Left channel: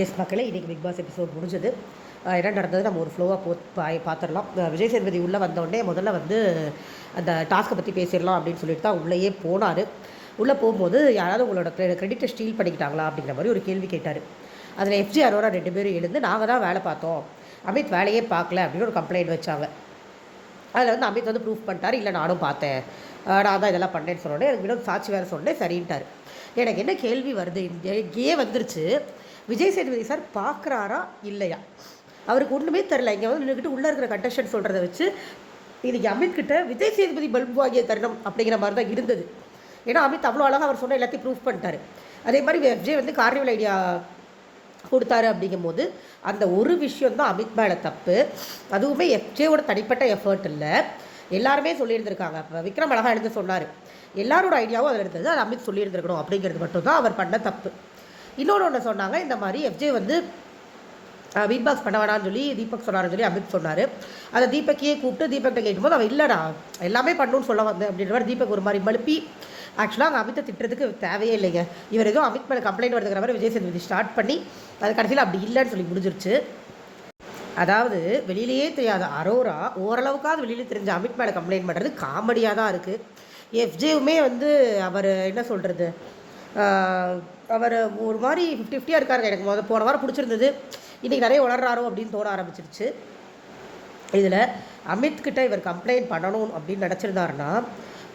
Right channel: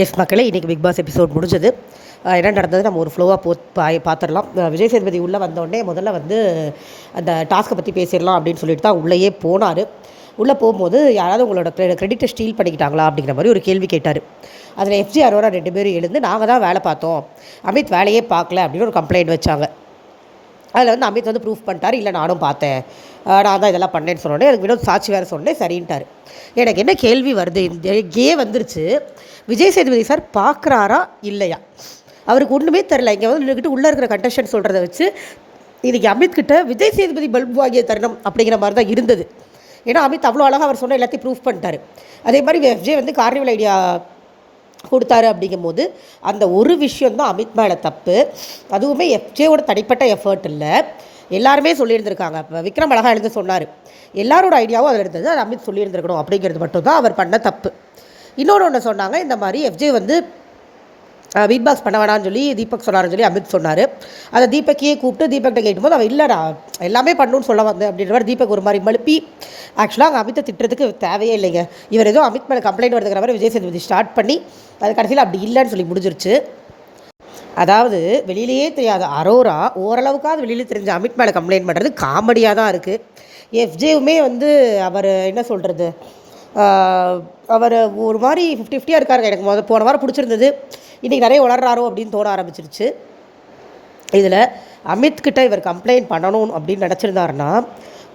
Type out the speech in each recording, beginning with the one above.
S மக்களே, இன்றைக்கி big pass episode முடிஞ்சது. என்ன நடந்தது நம்ம ஒரு ஃப்ளோவாக பார்த்துடலாம். விஜய் சேதுபதி உள்ளே வந்தோடனே முதல்ல வந்து அந்த டாஸ்க்கை பற்றி பேசிடலாம் அப்படின்னு சொல்லிட்டு தான் உள்ளேயே போனார். உள்ளே போகும்போது யாராவது உங்களோட கிரெடிட்டை ஸ்டீல் பண்ணிக்கிட்டாங்களா அப்படிங்கிற மாதிரி ஒரு கேள்வி கேட்டார். அதில் எஃப்ஜி அரோரா 2 பேரும் எழுந்து நாங்கள் தான் வேலை பார்த்தோம், அமித் வேலையே பார்க்கல அப்படின்னு ஒரு கம்ப்ளைண்ட் வச்சாங்க. அதில் வந்து அமித் வந்து ப்ரூஃப் பண்ணிட்டார், இல்லை நானும் பார்த்தேன், நான் தான் இதெல்லாம் பண்ணேன்னு சொன்னோடனே எனக்கு வினோத் சாட்சி வேறு சொன்னேன் சரின்ட்டார். எனக்கு என்ன கேள்வி வருது, இந்த வந்துருச்சு, விஜய் சேதுபதி சார் பார்க்குறாரா இல்லையா? அவருக்கு ஒன்றுமே தெரில. இங்கே வந்து நின்றுக்கிட்டு உள்ளே இருக்கிற கண்டஸ்டன்ட் சொல்கிறத வச்சு இன்றைக்கி அமித் கிட்ட விஜய் சேதுபதி பல்பு வாங்கிய தருணம் அப்படிங்கிற மாதிரி தான் இருந்தது. ஏன்னா அமித் அவ்வளோ அழகாக அவர் சொன்ன எல்லாத்தையும் ப்ரூஃப் பண்ணிட்டார். அதே மாதிரி விஜய் வந்து கார்னிவல் ஐடியா கொடுத்தாரு. அப்படிங்கும்போது அந்த ஒரு விஷயந்தான் அமித் மேலே தப்பு. அதுவுமே எஃப்ஜேவோட தனிப்பட்ட எஃபர்ட் இல்லை, எல்லாருமே சொல்லியிருந்திருக்காங்க. இப்போ விக்ரம் அழகாக எழுந்து சொன்னார், எல்லாரோட ஐடியாவும் அதில் இருந்தது, அது அமித் சொல்லியிருந்திருக்கணும் அப்படிங்கிறது மட்டும்தான் அவர் பண்ண தப்பு. இன்னொன்று ஒன்று சொன்னாங்க, இந்த மாதிரி எஃப்ஜே வந்து பீட் பாக்ஸ் பண்ண வேணான்னு சொல்லி தீபக் சொன்னார்னு சொல்லி அமித் சொன்னார். அதை தீபக்கையே கூப்பிட்டு தீபக்கிட்ட கேட்கும்போது அவன் இல்லைடா எல்லாமே பண்ணணும்னு சொல்ல வந்தேன் அப்படின்ற மாதிரி தீபக் ஒரு மாதிரி மழுப்பி, ஆக்சுவலாக அங்கே அமித்தை திட்டுறதுக்கு தேவையே இல்லைங்க, இவர் ஏதோ அமித் மேலே கம்ப்ளைண்ட் வருதுங்கிற மாதிரி விஜய் சேதுபதி ஸ்டார்ட் பண்ணி அது கடைசியில் அப்படி இல்லைன்னு சொல்லி முடிஞ்சிருச்சு. அதாவது வெளியிலேயே தெரியாத அரோரா ஓரளவுக்காவது வெளியில் தெரிஞ்ச அமித் மேலே கம்ப்ளைண்ட் பண்ணுறது காமெடியாக தான் இருக்குது. எஃப்ஜேவுமே வந்து அவர் என்ன சொல்கிறது, அவர் ஒரு மாதிரி 50-50 இருக்காருங்க. எனக்கு போன வாரம் பிடிச்சிருந்தது, இன்றைக்கி நிறைய வளர்றாரோ அப்படின்னு தோண ஆரம்பிச்சிருச்சு. இதில் அமித்கிட்ட இவர் கம்ப்ளைண்ட் பண்ணணும் அப்படின்னு நினச்சிருந்தாருன்னா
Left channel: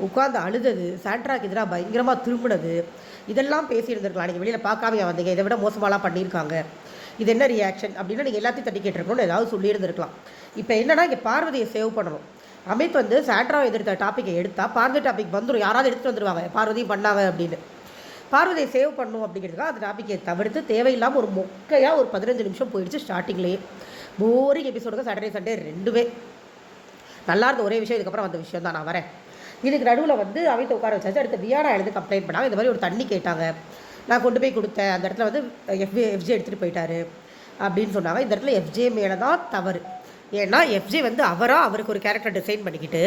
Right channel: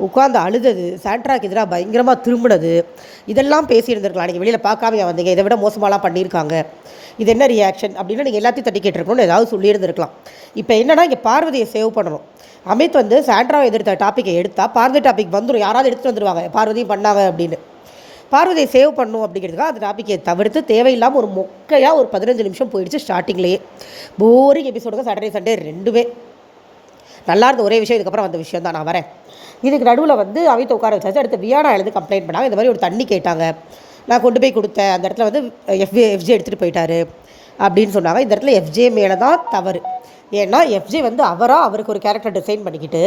உட்காந்து அழுதது, சாண்ட்ராக்கு எதிராக பயங்கரமாக திரும்பினது, இதெல்லாம் பேசியிருந்திருக்கலாம். நீங்கள் வெளியில் பார்க்காம வந்தீங்க, இதை விட மோசமாலாம் பண்ணியிருக்காங்க, இது என்ன ரியாக்ஷன் அப்படின்னு நீங்கள் எல்லாத்தையும் தட்டி கேட்டிருக்கணும்னு ஏதாவது சொல்லியிருந்திருக்கலாம். இப்போ என்னென்னா இங்கே பார்வதியை சேவ் பண்ணணும். அமித் வந்து சாண்ட்ராவை எதிர்த்த டாப்பிக்கை எடுத்தால் பார்வதி டாபிக் வந்துடும், யாராவது எடுத்துகிட்டு வந்துடுவாங்க பார்வதியும் பண்ணாங்க அப்படின்னு. பார்வதியை சேவ் பண்ணும் அப்படிங்கிறதுக்காக அந்த டாப்பிக்கை தவிர்த்து தேவையில்லாமல் ஒரு மொக்கையாக ஒரு 15 நிமிஷம் போயிடுச்சு. ஸ்டார்டிங்லேயே போரிங் எபிசோடுங்க. சாட்டர்டே சண்டே ரெண்டுமே நல்லா இருந்த ஒரே விஷயம் இதுக்கப்புறம் வந்த விஷயம் தான். நான் வரேன். இதுக்கு நடுவில் வந்து அமித் உட்கார வச்சாச்சு. அடுத்து வியானா எழுந்து கம்ப்ளைண்ட் பண்ணாங்க, இந்த மாதிரி ஒரு தண்ணி கேட்டாங்க, நான் கொண்டு போய் கொடுத்தேன், அந்த இடத்துல வந்து எஃப்ஜே எடுத்துகிட்டு போயிட்டாரு அப்படின்னு சொன்னாங்க. இந்த இடத்துல எஃப்ஜே மேலே தான் தவறு. ஏன்னா எஃப்ஜே வந்து அவருக்கு ஒரு கேரக்டர் டிசைன் பண்ணிக்கிட்டு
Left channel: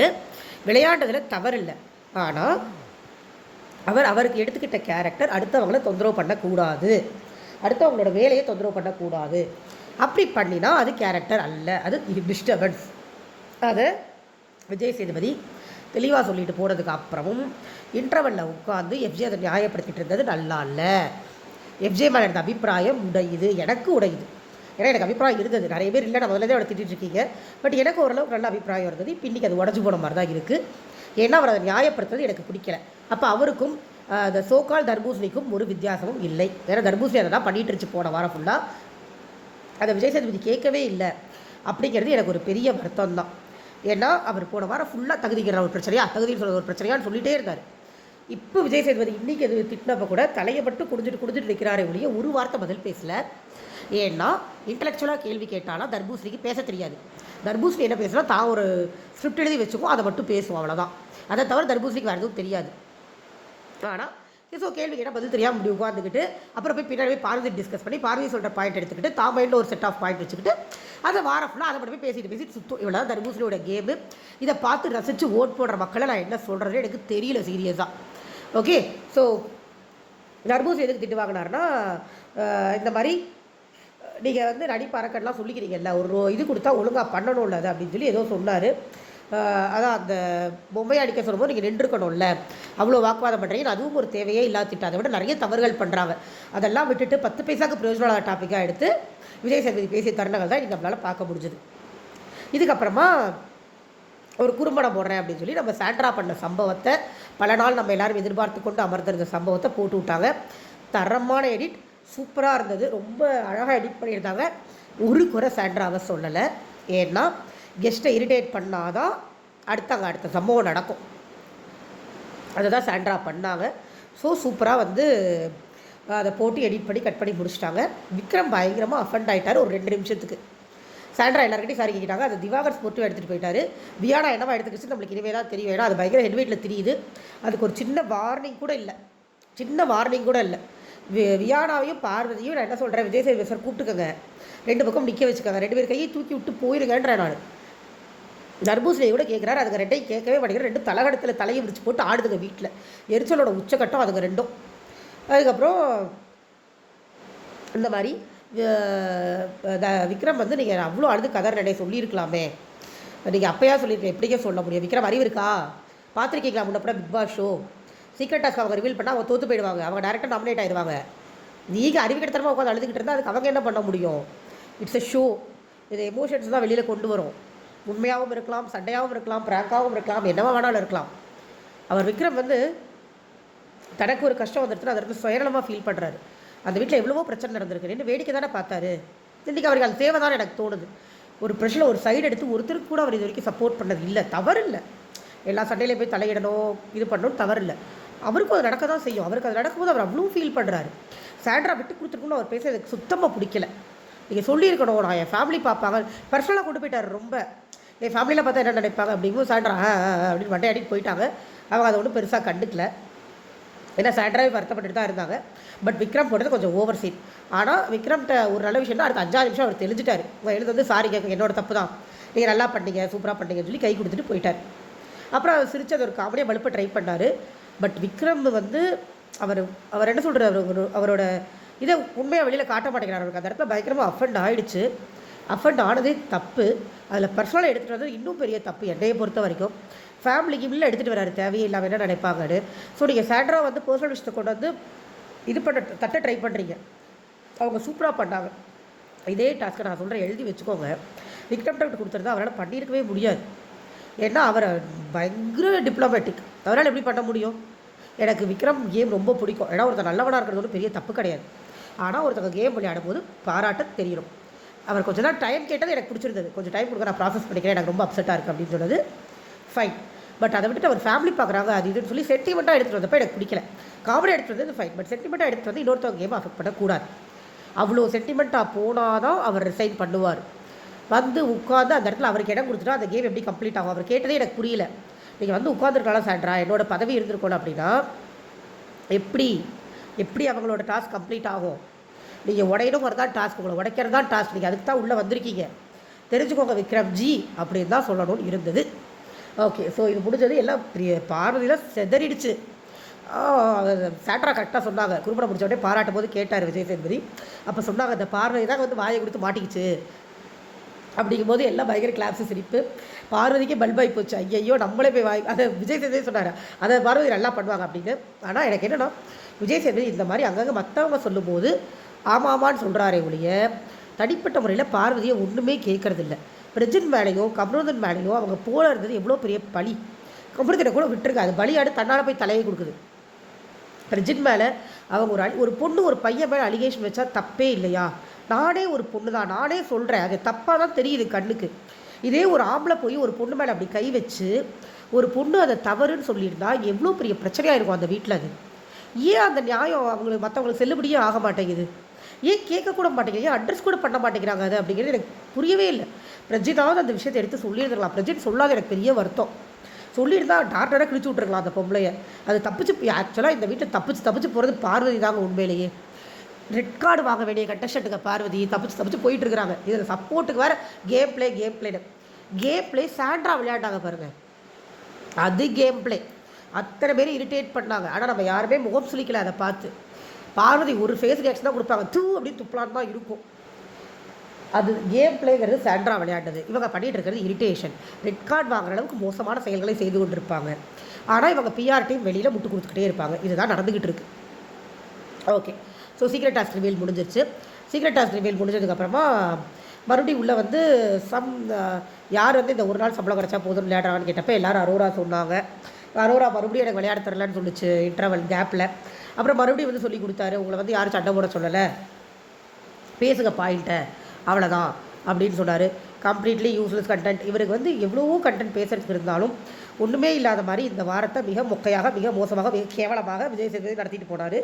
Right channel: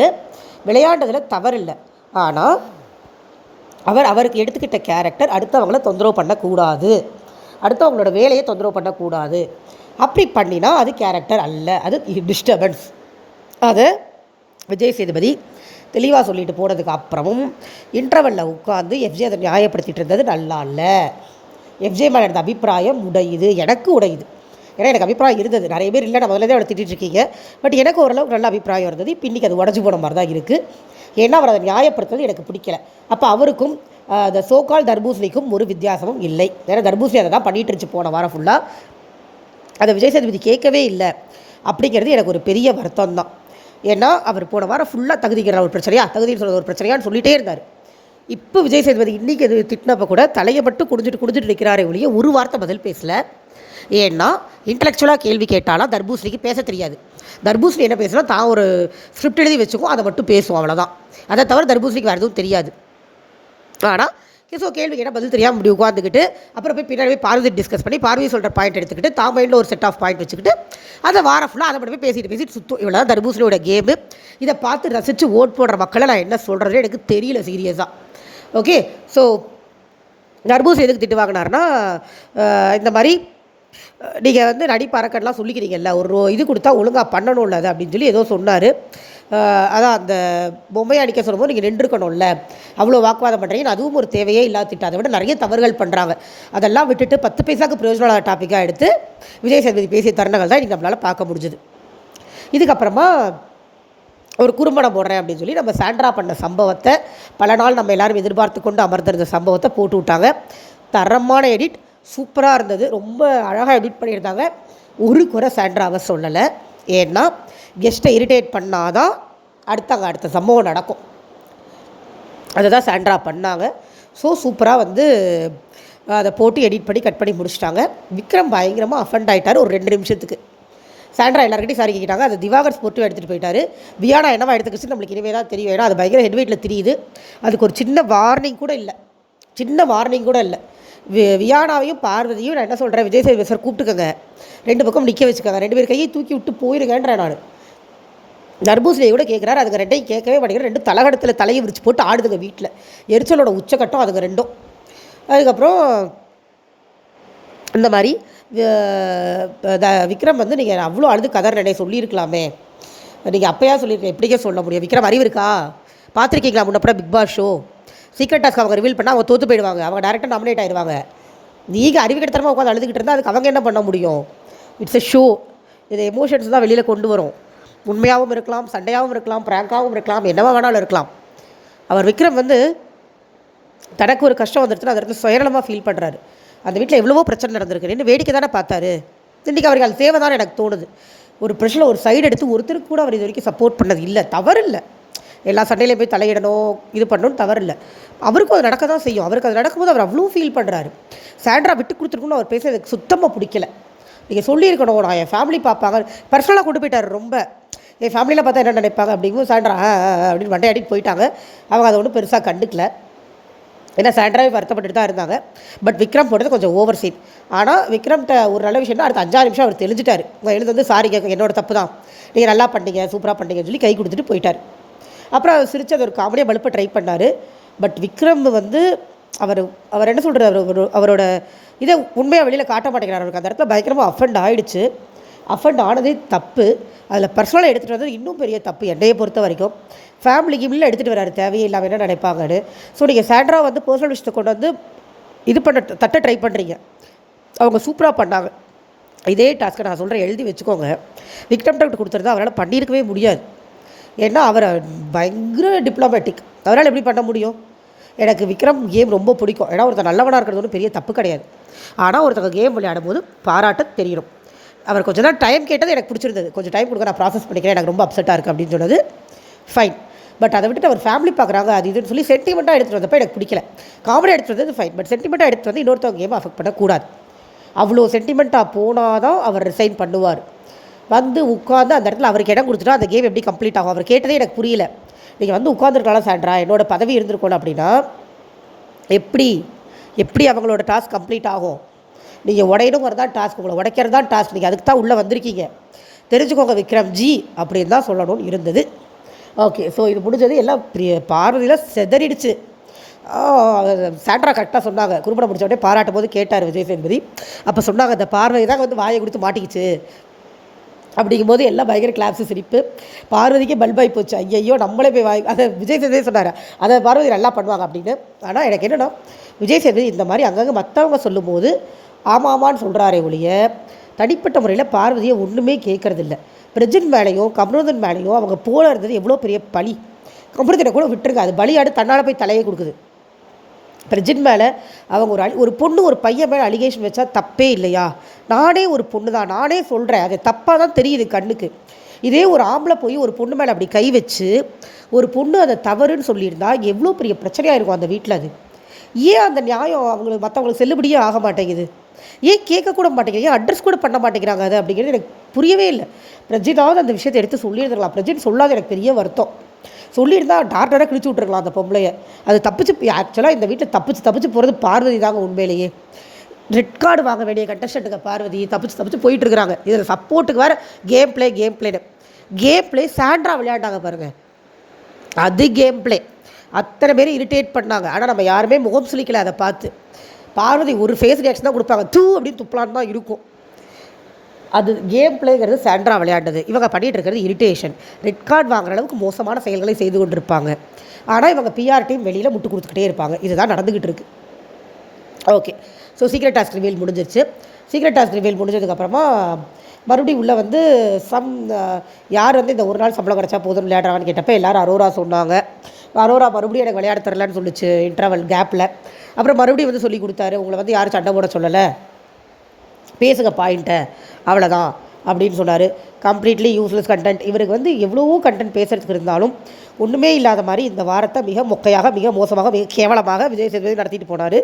விளையாண்டதில் தவறு இல்லை. ஆனால் அவருக்கு எடுத்துக்கிட்ட கேரக்டர் அடுத்தவங்கள தொந்தரவு பண்ணக்கூடாது, அடுத்தவங்களோட வேலையை தொந்தரவு பண்ணக்கூடாது. அப்படி பண்ணினா அது கேரக்டர் அல்ல, அது டிஸ்டர்பன்ஸ். அது விஜய் சேதுபதி தெளிவாக சொல்லிட்டு போனதுக்கு அப்புறமும் இன்டர்வலில் உட்காந்து எஃப்ஜே அதை நியாயப்படுத்திட்டு இருந்தது நல்லா இல்லை. எஃப்ஜே மேலே எடுத்த அபிப்பிராயம் உடையுது, எனக்கு உடையுது. ஏன்னா எனக்கு அபிப்பிராயம் இருந்தது, நிறைய பேர் இல்லை, நான் முதல்ல அவளை திட்டிகிட்டு இருக்கீங்க, பட் எனக்கு ஓரளவுக்கு நல்ல அபிப்பிராயம் இருந்தது. இப்போ இன்றைக்கி அது உடஞ்சி போன மாதிரி தான் இருக்குது. ஏன்னா அவர் அதை நியாயப்படுத்துறது எனக்கு பிடிக்கல. அப்போ அவருக்கும் அந்த சோகால் தர்பூசணிக்கும் ஒரு வித்தியாசமும் இல்லை. ஏன்னா தர்பூசணி அதை தான் பண்ணிகிட்டு இருந்துச்சு போன வாரம் ஃபுல்லாக, அதை விஜய் சேதுபதி கேட்கவே இல்லை அப்படிங்கிறது எனக்கு ஒரு பெரிய வருத்தம் தான். ஏன்னா அவர் போன வாரம் ஃபுல்லாக தகுதிக்கிற ஒரு பிரச்சனையா, தகுதின்னு சொல்கிற ஒரு பிரச்சனையான்னு சொல்லிகிட்டே இருந்தார். இப்போ விஜய் சேதுபதி இன்றைக்கி அது திட்டினப்போ கூட தலையை மட்டும் குடிஞ்சிட்டு நிற்கிறாரே ஒழிய ஒரு வார்த்தை பதில் பேசலை. ஏன்னா இன்டலெக்சுவலாக கேள்வி கேட்டாலும் தர்பூசணிக்கு பேச தெரியாது. தர்பூசணி என்ன பேசுனா தான் ஒரு ஸ்கிரிப்ட் எழுதி வச்சுக்கும், அதை மட்டும் பேசுவோம், அவ்வளோதான். அதை தவிர தர்பூசணிக்கு வேறு எதுவும் தெரியாது. ஆனால் ஸோ கேள்வி கேட்டால் பதில் தெரியாமல் இப்படி உட்காந்துக்கிட்டு அப்புறம் போய் பின்னாடி போய் பார்வதி டிஸ்கஸ் பண்ணி பார்வதி சொல்கிற பாயிண்ட் எடுத்துக்கிட்டு தான் மைண்டில் ஒரு செட் ஆஃப் பாயிண்ட் வச்சுக்கிட்டு அதை வாரம் ஃபுல்லாக அதை மட்டும் போய் பேசிட்டு சுற்றும். இவ்வளோ தான் தர்பூசணியோட கேமு. இதை பார்த்து ரசித்து ஓட் போடுற மக்களை நான் என்ன சொல்கிறதே எனக்கு தெரியல சீரியஸாக. ஓகே, ஸோ தர்பூசணி எதுக்கு திட்டு வாங்கினார்னா, இந்த மாதிரி நீங்கள் வந்து நடிப்பறக்கெல்லாம் சொல்லிக்கிறீங்கல்ல, ஒரு இது கொடுத்தா ஒழுங்காக பண்ணணும்ல அது அப்படின்னு சொல்லி ஏதோ சொன்னார். அதான் அந்த பொம்மையை அடிக்க சொல்லும்போது நீங்கள் நின்றுக்கணும்ல, அவ்வளோ வாக்குவாதம் பண்ணுறீங்க, அதுவும் ஒரு தேவையே இல்லாத திட்டம். அதை விட நிறைய தவறுகள் பண்ணுறாங்க, அதெல்லாம் விட்டுட்டு 10 பைசாவுக்கு பிரயோஜனமான டாப்பிக்காக எடுத்து விஜய் சேதுபதி பேசிய தருணங்கள் தான் இன்றைக்கி நம்மளால் பார்க்க முடிஞ்சுது. இதுக்கப்புறமா ஒரு குறும்படம் போடுறேன் அப்படின்னு சொல்லி நம்ம சாண்ட்ரா பண்ண சம்பவத்தை, பல நாள் நம்ம எல்லோரும் எதிர்பார்த்து கொண்டு அமர்ந்திருந்த சம்பவத்தை போட்டு விட்டாங்க. தரமான எடிட், சூப்பராக இருந்தது, ரொம்ப அழகாக எடிட் பண்ணியிருந்தாங்க. ஒரு குறை சாண்ட்ராவை சொல்லலை. ஏன்னா கெஸ்ட்டை இரிட்டேட் பண்ணாதான் அடுத்த சம்பவம் நடக்கும். அதை தான் சாண்ட்ரா பண்ணாங்க. ஸோ சூப்பராக வந்து அதை போட்டு எடிட் பண்ணி கட் பண்ணி முடிச்சிட்டாங்க. விக்ரம் பயங்கரமாக அஃபண்ட் ஆகிட்டார் ஒரு 2 நிமிஷத்துக்கு. சாண்ட்ரா எல்லாருக்கிட்டையும் சாரி கேட்டாங்க, அது திவாகர் ஸ்போர்ட்டிவாக எடுத்துகிட்டு போயிட்டார். வியானா என்னவா எடுத்துக்கிச்சு நம்மளுக்கு இனிமேல் தான் தெரியும். ஏன்னா அது பயங்கர ஹெட்வெயிட்டில் தெரியுது. அதுக்கு ஒரு சின்ன வார்னிங் கூட இல்லை. வியானாவையும் பார்வதியும் நான் என்ன சொல்கிறேன், விஜய் சேதுபதி சார் கூப்பிட்டுக்கங்க, 2 பக்கம் நிற்க வச்சுக்கோங்க, 2 பேர் கையை தூக்கி விட்டு போயிருங்கன்றேன் நான். தர்பூசணியை கூட கேட்குறாரு, அதுங்க 2ஐயும் கேட்கவே மாட்டேங்கிற, 2 தலகடத்தில் தலையை விரிச்சு போட்டு ஆடுதுங்க வீட்டில். எரிச்சலோட உச்சக்கட்டம் அதுங்க 2. அதுக்கப்புறம் இந்த மாதிரி விக்ரம் வந்து நீங்கள் அவ்வளோ அழுது கதறனே சொல்லியிருக்கலாமே, நீங்கள் அப்போயா சொல்லியிருக்கேன், எப்படிக்கே சொல்ல முடியும்? விக்ரம் அறிவு இருக்கா? பார்த்துருக்கீங்களா முன்னப்பட Bigg Boss show? Secret task அவங்க ரிவீல் பண்ணால் அவங்க தோற்று போயிடுவாங்க, அவங்க டேரெக்டாக நாமினேட் ஆயிடுவாங்க. நீங்கள் அறிவு கிட்டத்தரமாக உட்காந்து அழுதுகிட்டு இருந்தால் அதுக்கு அவங்க என்ன பண்ண முடியும்? It's a show. இது எமோஷன்ஸ் தான் வெளியில் கொண்டு வரும். உண்மையாகவும் இருக்கலாம், சண்டையாகவும் இருக்கலாம், ப்ராங்காகவும் இருக்கலாம், என்னவா வேணாலும் இருக்கலாம். அவர் விக்ரம் வந்து தனக்கு ஒரு கஷ்டம் வந்துடுச்சுன்னா அந்த இடத்துல சுயநலமாக ஃபீல் பண்ணுறாரு. அந்த வீட்டில் எவ்வளவோ பிரச்சனை நடந்திருக்கு, நின்று வேடிக்கை தானே பார்த்தாரு. இன்றைக்கி அவருக்கு அது தேவை தான் எனக்கு தோணுது. ஒரு பிரச்சனை ஒரு சைடு எடுத்து ஒருத்தருக்கு கூட அவர் இது வரைக்கும் சப்போர்ட் பண்ணது இல்லை, தவறு இல்லை. எல்லா சண்டையிலையும் போய் தலையிடணும், இது பண்ணணும், தவறு இல்லை. அவருக்கும் அது நடக்க தான் செய்யும். அவருக்கு அது நடக்கும்போது அவர் அவ்வளோ ஃபீல் பண்ணுறாரு. சாண்ட்ரா விட்டு கொடுத்துருக்கணும்னு அவர் பேச எனக்கு சுத்தமாக பிடிக்கல. நீங்கள் சொல்லியிருக்கணும், நான் என் ஃபேமிலி பார்ப்பாங்க, பர்சனலாக கொண்டு போயிட்டார். ரொம்ப என் ஃபேமிலியில் பார்த்தா என்ன நினைப்பாங்க அப்படிங்கும்போது சாண்ட்ரா அப்படின்னு மண்டையாடிட்டு போயிட்டாங்க. அவங்க அதை ஒன்றும் பெருசாக கண்டுக்கல. ஏன்னா சாண்ட்ராவே வருத்தப்பட்டு தான் இருந்தாங்க. பட் விக்ரம் போட்டது கொஞ்சம் ஓவர் சீன். ஆனால் விக்ரம்கிட்ட ஒரு நல்ல விஷயம்னா அடுத்த 5 நிமிஷம் அவர் தெளிஞ்சிட்டார். உங்கள் எழுந்து வந்து சாரி கேட்க, என்னோட தப்பு தான், நீங்கள் நல்லா பண்ணீங்க, சூப்பராக பண்ணீங்கன்னு சொல்லி கை கொடுத்துட்டு போயிட்டார். அப்புறம் அவர் சிரித்து அது ஒரு காமெடியாக பழுப்ப ட்ரை பண்ணார். பட் விக்ரம் வந்து அவர் என்ன சொல்கிறார், அவரோட இதை உண்மையாக வெளியில் காட்ட மாட்டேங்கிறார். அவருக்கு அந்த இடத்துல பயங்கரமாக அஃபெண்ட் ஆகிடுச்சு. அஃபெண்ட் ஆனதே தப்பு. அதில் பர்சனலாக எடுத்துகிட்டு வந்தது இன்னும் பெரிய தப்பு என்னையை பொறுத்த வரைக்கும். ஃபேமிலிக்கு இல்லை எடுத்துகிட்டு வராரு, தேவையே இல்லாமல் என்ன நினைப்பாங்கன்னு. ஸோ நீங்கள் சாண்ட்ரா வந்து பர்சனல் விஷயத்தை கொண்டு வந்து இது பண்ண தட்ட ட்ரை பண்ணுறீங்க. அவங்க சூப்பராக பண்ணாங்க. இதே டாஸ்க்கை நான் சொல்கிறேன், எழுதி வச்சுக்கோங்க. விக்ரம் டாக்டர் கொடுத்துருந்தா அவரால் பண்ணியிருக்கவே முடியாது. ஏன்னா அவரை பயங்கர டிப்ளமேட்டிக், அவரால் எப்படி பண்ண முடியும்? எனக்கு விக்ரம் கேம் ரொம்ப பிடிக்கும். ஏன்னா ஒருத்தர் நல்லவனாக இருக்கிறது ஒன்றும் பெரிய தப்பு கிடையாது. ஆனால் ஒருத்தங்க கேம் விளையாடும் போது பாராட்ட தெரியணும். அவர் கொஞ்சம் தான் டைம் கேட்டது எனக்கு பிடிச்சிருந்தது. கொஞ்சம் டைம் கொடுக்க, நான் ப்ராசஸ் பண்ணிக்கிறேன், எனக்கு ரொம்ப அப்செட்டாக இருக்குது அப்படின்னு சொன்னது ஃபைன். பட் அதை விட்டுட்டு அவர் ஃபேமிலி பார்க்குறாங்க அது இதுன்னு சொல்லி சென்டிமெண்ட்டாக எடுத்துகிட்டு வந்தப்போ எனக்கு பிடிக்கல. காமெடி எடுத்துகிட்டு வந்தது ஃபைன். பட் சென்டிமெண்ட்டாக எடுத்துகிட்டு வந்து இன்னொருத்தவங்க கேம் அஃபெக்ட் பண்ணக்கூடாது. அவ்வளோ சென்டிமெண்ட்டாக போனால் தான் அவர் ரிசைன் பண்ணுவார். வந்து உட்காந்து அந்த இடத்துல அவருக்கு இடம் கொடுத்துட்டா அந்த கேம் எப்படி கம்ப்ளீட் ஆகும்? அவர் கேட்டதே எனக்கு புரியல. நீங்கள் வந்து உட்காந்துருக்கலாம் சாண்ட்ரா, என்னோட பதவி இருந்திருக்கணும் அப்படின்னா எப்படி அவங்களோட டாஸ்க் கம்ப்ளீட் ஆகும்? நீங்கள் உடையணுங்கிறது தான் டாஸ்க், உங்களை உடைக்கிறது தான் டாஸ்க். நீங்கள் அதுக்கு தான் உள்ளே வந்திருக்கீங்க, தெரிஞ்சுக்கோங்க விக்ரம் ஜி அப்படின்னு தான் சொல்லணும்னு இருந்தது. ஓகே, ஸோ இது முடிஞ்சது. எல்லாம் பார்வதியில் செதறிடுச்சு. சாண்ட்ரா கரெக்டாக சொன்னாங்க. குறும்படம் முடிச்ச உடனே பாராட்டும் போது கேட்டார் விஜய் சேதுபதி. அப்போ சொன்னாங்க இந்த பார்வதி தான் வந்து வாயை கொடுத்து மாட்டிக்கிச்சு அப்படிங்கும்போது எல்லாம் பயங்கர கிளாப்ஸு சிரிப்பு. பார்வதிக்கே பல்பாகி போச்சு. ஐயையோ நம்மளே போய் அதை விஜய் சேதுபதி சொன்னார், அதை பார்வதி நல்லா பண்ணுவாங்க அப்படின்னு. ஆனால் எனக்கு என்னென்னா விஜய் சேதுபதி இந்த மாதிரி அங்கங்கே மற்றவங்க சொல்லும்போது ஆமாமான்னு சொல்கிறாரே ஒழிய தனிப்பட்ட முறையில் பார்வதியை ஒன்றுமே கேட்குறதில்ல. பிரஜின் மேலேயும் கமருதன் மேலேயும் அவங்க போல இருந்தது எவ்வளோ பெரிய பழி. கமருதனை கூட விட்டுருங்க, அது பலியாடு தன்னால் போய் தலையை கொடுக்குது. பிரஜின் மேலே அவங்க ஒரு பொண்ணு ஒரு பையன் மேலே அலிகேஷன் வச்சா தப்பே இல்லையா? நானே ஒரு பொண்ணு தான், நானே சொல்கிறேன், அது தப்பாக தான் தெரியுது கண்ணுக்கு. இதே ஒரு ஆம்பளை போய் ஒரு பொண்ணு மேலே அப்படி கை வச்சு ஒரு பொண்ணு அதை தவறுன்னு சொல்லியிருந்தா எவ்வளோ பெரிய பிரச்சனையாக இருக்கும் அந்த வீட்டில். அது ஏன் அந்த நியாயம் அவங்களுக்கு மற்றவங்களுக்கு செல்லுபடியே ஆக மாட்டேங்குது? ஏன் கேட்கக்கூட மாட்டேங்கிறீங்க, ஏன் அட்ரஸ் கூட பண்ண மாட்டேங்கிறாங்க? அது அப்படிங்கிறது எனக்கு புரியவே இல்லை. பிரஜினாவது அந்த விஷயத்தை எடுத்து சொல்லியிருந்துருக்கலாம். பிரஜின் சொல்லாத எனக்கு பெரிய வருத்தம். சொல்லியிருந்தா டாக்டராக கிழிச்சு விட்ருக்கலாம் அந்த பொம்பளையை. அது தப்பிச்சு, ஆக்சுவலாக இந்த வீட்டில் தப்பிச்சு போகிறது பார்வதி தாங்க. உண்மையிலேயே ரெட் கார்டு வாங்க வேண்டிய கண்டஸ்டண்ட்டுங்க பார்வதி தப்பிச்சு போயிட்டுருக்குறாங்க. இதில் சப்போர்ட்டுக்கு வேறு கேம் பிளே சாண்ட்ரா விளையாண்டாங்க பாருங்கள், அது கேம் பிளே. அத்தனை பேரும் இரிட்டேட் பண்ணாங்க. ஆனால் நம்ம யாருமே முகம் சுளிக்கலை அதை பார்த்து. பார்வதி ஒரு ஃபேஸ் ரியாக்ஷன் தான் கொடுப்பாங்க, தூ அப்படின்னு துப்பலான்னு தான் இருக்கும். அது கேம் பிளேங்கிறது சாண்ட்ரா விளையாண்டது. இவங்க பண்ணிகிட்டு இருக்கிறது இரிட்டேஷன். ரெட் கார்டு வாங்குற அளவுக்கு மோசமான செயல்களை செய்து கொண்டிருப்பாங்க. ஆனால் இவங்க பிஆர் டீம் வெளியில் முட்டு கொடுத்துக்கிட்டே இருப்பாங்க. இதுதான் நடந்துக்கிட்டு இருக்கு. Okay, so secret task reveal முடிஞ்சிருச்சு. சீக்ரெட் டாஸ்க் ரிவீல் முடிஞ்சதுக்கப்புறமா மறுபடியும் உள்ளே வந்து யார் வந்து இந்த ஒரு நாள் சம்பளம் கிடச்சா போதும் விளையாடுறாங்கன்னு கேட்டப்போ எல்லோரும் அரோரா சொன்னாங்க. அரோரா மறுபடியும் எனக்கு விளையாட தரலன்னு சொல்லிச்சு இன்டர்வல் கேப்பில். அப்புறம் மறுபடியும் வந்து சொல்லி கொடுத்தாரு, உங்களை வந்து யாரும் சண்டை போட சொல்லலை, பேசுங்க பாயிண்ட்டை, அவ்வளோதான் அப்படின்னு சொன்னார். Completely useless content. இவருக்கு வந்து எவ்வளவோ கண்டென்ட் பேசுகிறதுக்கு இருந்தாலும் ஒன்றுமே இல்லாத மாதிரி இந்த வாரத்தை மிக மொக்கையாக, மிக மோசமாக, மிக கேவலமாக விஜய் சேதுபதி நடத்திட்டு போனார்.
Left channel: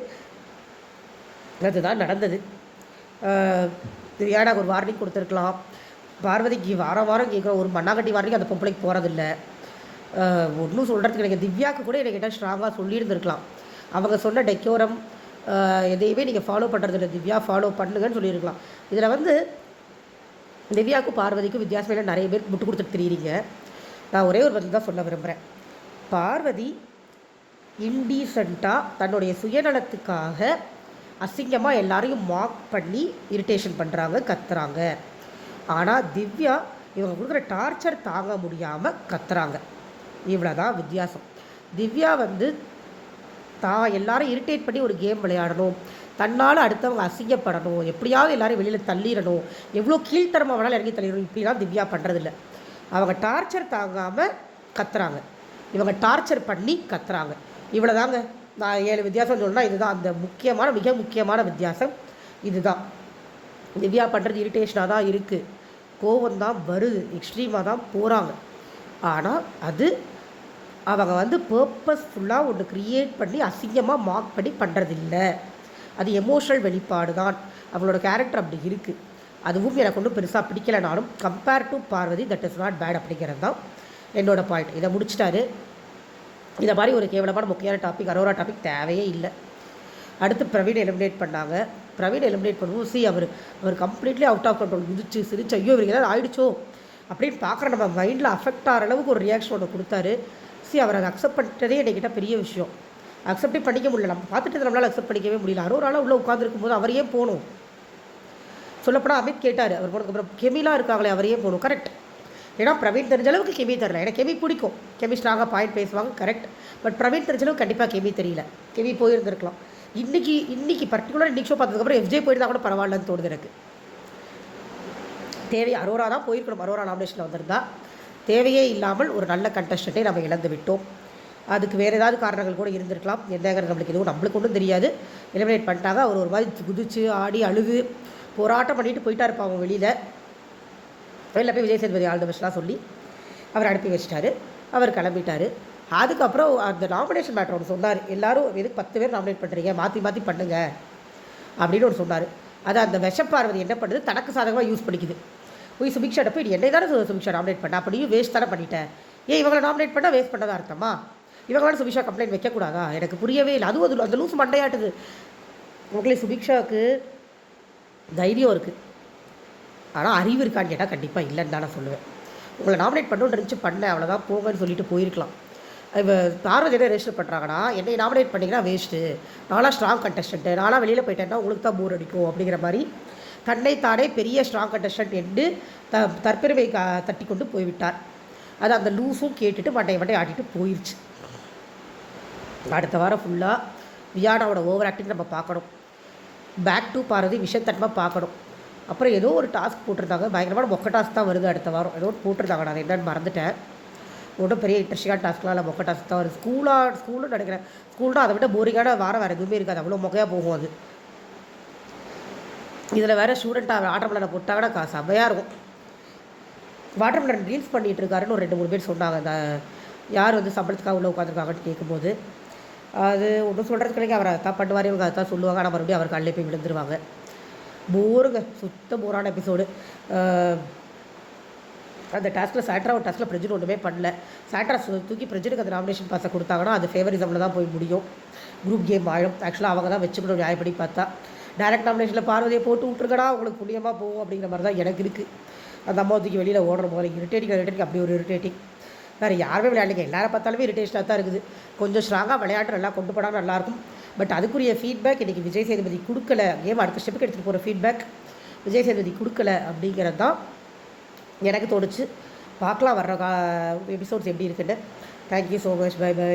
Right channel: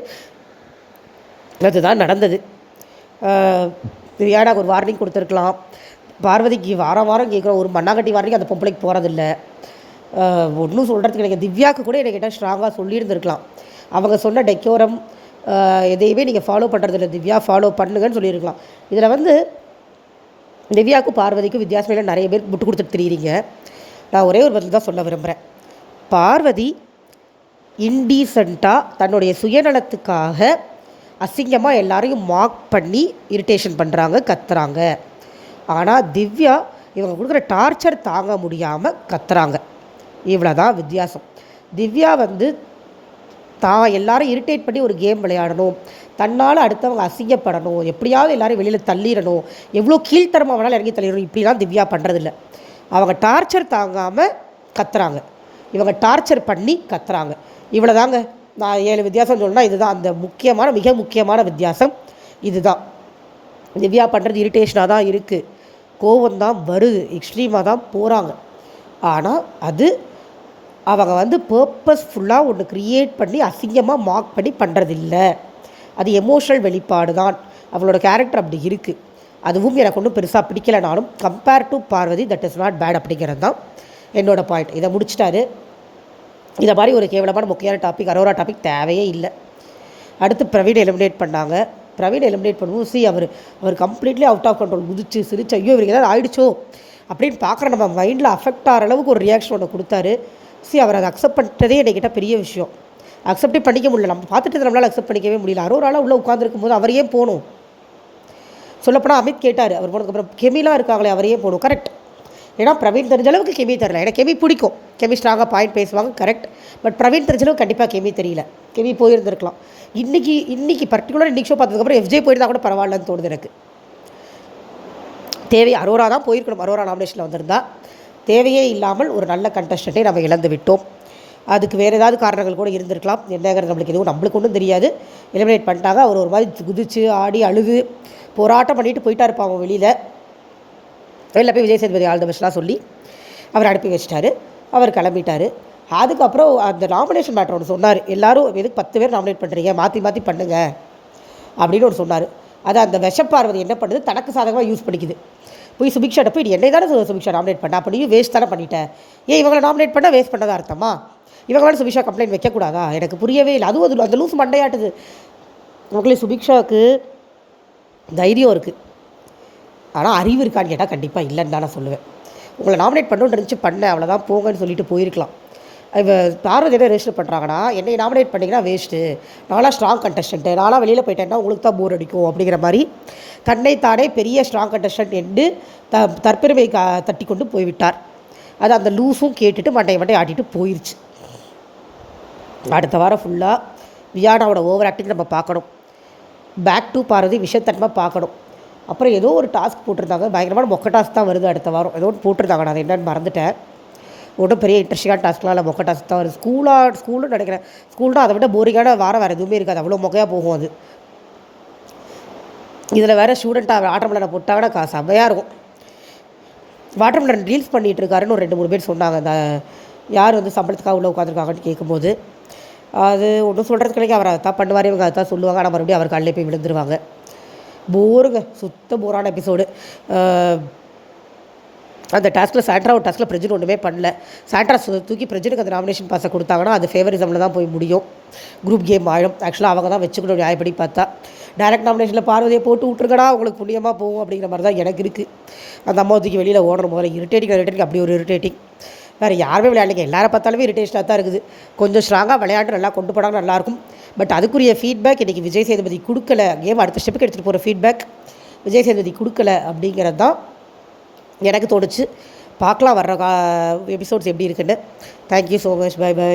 அதுதான் நடந்தது. ஏன்னா ஒரு வார்னிங் கொடுத்துருக்கலாம். பார்வதிக்கு வாரம் கேட்குறோம், ஒரு மண்ணாங்கட்டி வார்னிங் அந்த பொம்பளைக்கு போகிறதில்ல. ஒன்றும் சொல்கிறதுக்கு எனக்கு திவ்யாவுக்கு கூட எனக்கு கேட்டால் ஸ்ட்ராங்காக சொல்லியிருந்துருக்கலாம். அவங்க சொன்ன டெக்கோரம் எதையுமே நீங்கள் ஃபாலோ பண்ணுறதில்ல, திவ்யா ஃபாலோ பண்ணுங்கன்னு சொல்லியிருக்கலாம். இதில் வந்து திவ்யாவுக்கும் பார்வதிக்கும் வித்தியாசமையில் நிறைய பேர் முட்டு கொடுத்துட்டு தெரியுறீங்க. நான் ஒரே ஒரு பதில் தான் சொல்ல விரும்புகிறேன். பார்வதி இன்டீசெண்டாக தன்னுடைய சுயநலத்துக்காக அசிங்கமாக எல்லாரையும் மார்க் பண்ணி இரிட்டேஷன் பண்ணுறாங்க, கத்துறாங்க. ஆனால் திவ்யா இவங்க கொடுக்குற டார்ச்சர் தாங்க முடியாமல் கத்துறாங்க. இவ்வளோ தான் வித்தியாசம். திவ்யா வந்து தான் எல்லாரும் இரிட்டேட் பண்ணி ஒரு கேம் விளையாடணும், தன்னால் அடுத்தவங்க அசிங்கப்படணும், எப்படியாவது எல்லோரும் வெளியில் தள்ளிடணும், எவ்வளோ கீழ்த்தரமாக வேணாலும் இறங்கி தள்ளிடணும், இப்படிலாம் திவ்யா பண்ணுறதில்ல. அவங்க டார்ச்சர் தாங்காமல் கத்துறாங்க, இவங்க டார்ச்சர் பண்ணி கத்துறாங்க. இவ்வளோ தாங்க. நான் 7 வித்தியாசம் சொல்லணும்னா இதுதான் அந்த மிக முக்கியமான வித்தியாசம். இதுதான் திவ்யா பண்ணுறது இரிட்டேஷனாக தான் இருக்குது, கோவம்தான் வருது, எக்ஸ்ட்ரீமாக தான் போகிறாங்க. ஆனால் அது அவங்க வந்து பர்பஸ்ஃபுல்லாக ஒன்று க்ரியேட் பண்ணி அசிங்கமாக மார்க் பண்ணி பண்ணுறதில்ல. அது எமோஷனல் வெளிப்பாடு தான். அவங்களோட கேரக்டர் அப்படி இருக்குது. அதுவும் எனக்கு ஒன்றும் பெருசாக பிடிக்கலைனாலும் compare to Parvathy that is not bad அப்படிங்கிறது தான் என்னோடய பாயிண்ட். இதை முடிச்சிட்டாரு. இதை மாதிரி ஒரு கேவலமான முக்கியமான டாபிக் அரோரா டாபிக் தேவையே இல்லை. அடுத்து பிரவீன் எலிமினேட் பண்ணாங்க. பிரவீன் எலிமினேட் பண்ணுவோம். அவர் கம்ப்ளீட்லி அவுட் ஆஃப் கண்ட்ரோல், குதிச்சு சிரிச்சு ஐயோ இவருக்கு ஏதாவது ஆகிடுச்சோ அப்படின்னு பார்க்குற நம்ம மைண்டில் அஃபெக்ட் ஆகிற அளவுக்கு ஒரு ரியாக்ஷன் ஒன்று கொடுத்தாரு. அவர் அதை அக்செப்ட் பண்ணுறதே என்கிட்ட பெரிய விஷயம். அக்செப்டே பண்ணிக்க முடியல. நம்ம பார்த்துட்டு நம்மளால் அக்செப்ட் பண்ணிக்கவே முடியல. அரோராலாம் உள்ளே உட்காந்துருக்கும் போது அவரையே போகணும். சொல்லப்போனால் அமித் கேட்டார், அவர் போனதுக்கப்புறம் கெமிலாம் இருக்காங்களே அவரையே போகணும். கரெக்ட். ஏன்னா பிரவீன் தெரிஞ்ச அளவுக்கு கெமி தரல. ஏன்னா கெமி பிடிக்கும், கெமி ஸ்ட்ராங்காக பாயிண்ட் பேசுவாங்க, கரெக்ட். பட் பிரவீன் தெரிஞ்ச அளவுக்கு கண்டிப்பாக கெமி தெரியல. கெமி போயிருந்துருக்கலாம். இன்றைக்கி பர்டிகுலர் இன்றைக்கி ஷோ பார்த்ததுக்கப்புறம் எஃப்ஜே போயிருந்தால் கூட பரவாயில்லன்னு தோணுது எனக்கு. அரோரா தான் போயிருக்கணும். அரோரா நாமினேஷனில் வந்திருந்தா. தேவையே இல்லாமல் ஒரு நல்ல கண்டஸ்டண்ட்டை நம்ம இழந்து விட்டோம். அதுக்கு வேறு ஏதாவது காரணங்கள் கூட இருந்திருக்கலாம். என்னங்கிறது நம்மளுக்கு ஒன்றும் தெரியாது. எலிமினேட் பண்ணிட்டாங்க. அவர் ஒரு மாதிரி குதிச்சு ஆடி அழுது போராட்டம் பண்ணிட்டு போயிட்டா இருப்பாங்க வெளியில் போய் விஜய் சேதுபதி ஆல் தி பெஸ்ட்லாம் சொல்லி அவர் அனுப்பி வச்சிட்டாரு. அவர் கிளம்பிட்டார். அதுக்கப்புறம் அந்த நாமினேஷன் மேட்டர் ஒன்று சொன்னார். எல்லோரும் எதுக்கு 10 பேர் நாமினேட் பண்ணுறீங்க, மாற்றி மாற்றி பண்ணுங்க அப்படின்னு ஒன்று சொன்னார். அதை அந்த விஷப்பார்வதி என்ன பண்ணுது, தனக்கு சாதகமாக யூஸ் பண்ணிக்குது. போய் சுபிக்ஷாட்ட போய் என்னை தானே சுபிக்ஷா நாமினேட் பண்ண, அப்போ நீ வேஸ்ட் தானே பண்ணிட்டேன், ஏன் இவங்களை நாமினேட் பண்ணால் வேஸ்ட் பண்ணதான் அர்த்தமா, இவங்க வேணும் சுபிக்ஷா கம்ப்ளைண்ட் வைக்கக்கூடாதா, எனக்கு புரியவே இல்லை. அதுவும் அந்த லூஸ் மண்டையாட்டுது. உங்களே சுபிக்ஷாவுக்கு தைரியம் இருக்குது, ஆனால் அறிவு இருக்கான்னு கேட்டால் கண்டிப்பாக இல்லைன்னு தான் நான் சொல்லுவேன். உங்களை நாமினேட் பண்ணணுன்னு இருந்துச்சு, பண்ணேன் அவ்வளோதான் போங்கன்னு சொல்லிட்டு போயிருக்கலாம். இப்போ பார்வதி என்ன ரெஜிஸ்டர் பண்ணுறாங்கன்னா, என்னை நாமினேட் பண்ணிங்கன்னா வேஸ்ட்டு, நானாக ஸ்ட்ராங் கண்டஸ்டன்ட்டு, நானாக வெளியில் போயிட்டேன்னா உங்களுக்கு தான் போர் அடிக்கும் அப்படிங்கிற மாதிரி தன்னைத்தானே பெரிய ஸ்ட்ராங் கண்டஸ்டன்ட் என்று தற்பெருமை தட்டி கொண்டு போய்விட்டார். அது அந்த லூஸும் கேட்டுட்டு மண்டை ஆட்டிட்டு போயிடுச்சு. அடுத்த வாரம் ஃபுல்லாக வியானாவோட ஓவர் ஆக்டிங் நம்ம பார்க்கணும். பேக் டு பார்வதி விஷயத்தன்மை பார்க்கணும். அப்புறம் ஏதோ ஒரு டாஸ்க் போட்டிருந்தாங்க, பயங்கரமான மொக்க டாஸ்க் தான் வருது அடுத்த வாரம். ஏதோ ஒன்று போட்டிருந்தாங்க, நான் என்னென்னு மறந்துட்டேன். ஒன்றும் பெரிய இன்ட்ரெஸ்டிங்கான டாஸ்க்லாம் இல்லை, மொக்க டாஸ்க் தான் வருது. ஸ்கூலும் நினைக்கிறேன். ஸ்கூல்னா அதை விட போரிங்கான வாரம் வேறு எதுவுமே இருக்காது, அவ்வளோ மொக்கையாக போகும் அது. இதில் வேறு ஸ்டூடெண்ட்டாக வாட்டர் மெலனை போட்டாங்கன்னா செம்மையாக இருக்கும். வாட்டர் மெலன் ரீல்ஸ் பண்ணிகிட்டு இருக்காருன்னு ஒரு 2-3 பேர் சொன்னாங்க. அந்த யார் வந்து சம்பளத்துக்காக உள்ளே உட்காந்துருக்காங்கன்னு கேட்கும்போது அது ஒன்றும் சொல்கிறதுக்கு கிடையாது. அவர் அதை தான் பண்ணுவார், இவங்க அதை தான் சொல்லுவாங்க. ஆனால் மறுபடியும் அவர் கல்லே போய் விழுந்துருவாங்க. போருங்க, சுத்த போரான எபிசோடு. அந்த டாஸ்கில் சாண்ட்ரா ஒரு டாஸ்கில் பிரஜன் ஒன்றுமே பண்ணல. சாண்ட்ரா தூக்கி பிரஜனுக்கு அந்த நாமினேஷன் பாஸை கொடுத்தாங்கன்னா அது ஃபேவரிசமில் தான் போய் முடியும், குரூப் கேம் ஆயிடும். ஆக்சுவலாக அவங்க தான் வச்சுக்கணும் நியாயப்படி பார்த்தா. டைரக்ட் நாமினேஷனில் பார்வதியை போட்டு விட்ருக்கடா, உங்களுக்கு புண்ணியமாக போகும் அப்படிங்கிற மாதிரி தான் எனக்கு இருக்குது. அந்த அம்மா தூக்கி வெளியில் ஓடுற போகிற இரிட்டேட்டிங் அப்படி ஒரு இரிட்டேட்டிங். வேறு யாருமே விளையாடுங்க, எல்லாரை பார்த்தாலுமே இரிட்டேஷனாக தான் இருக்குது. கொஞ்சம் ஸ்ட்ராங்காக விளையாட்டு நல்லா கொண்டு போனாலும் நல்லாயிருக்கும். பட் அதுக்குரிய ஃபீட்பேக் இன்றைக்கி விஜய் சேதுபதி கொடுக்கல. கேம் அடுத்த ஸ்டெப்புக்கு எடுத்துகிட்டு போகிற ஃபீட்பேக் விஜய் சேதுபதி கொடுக்கல அப்படிங்கிறது தான் எனக்கு தோணுச்சு. பார்க்கலாம் வர்ற எபிசோட்ஸ் எப்படி இருக்குன்னு. Thank you so much. பை.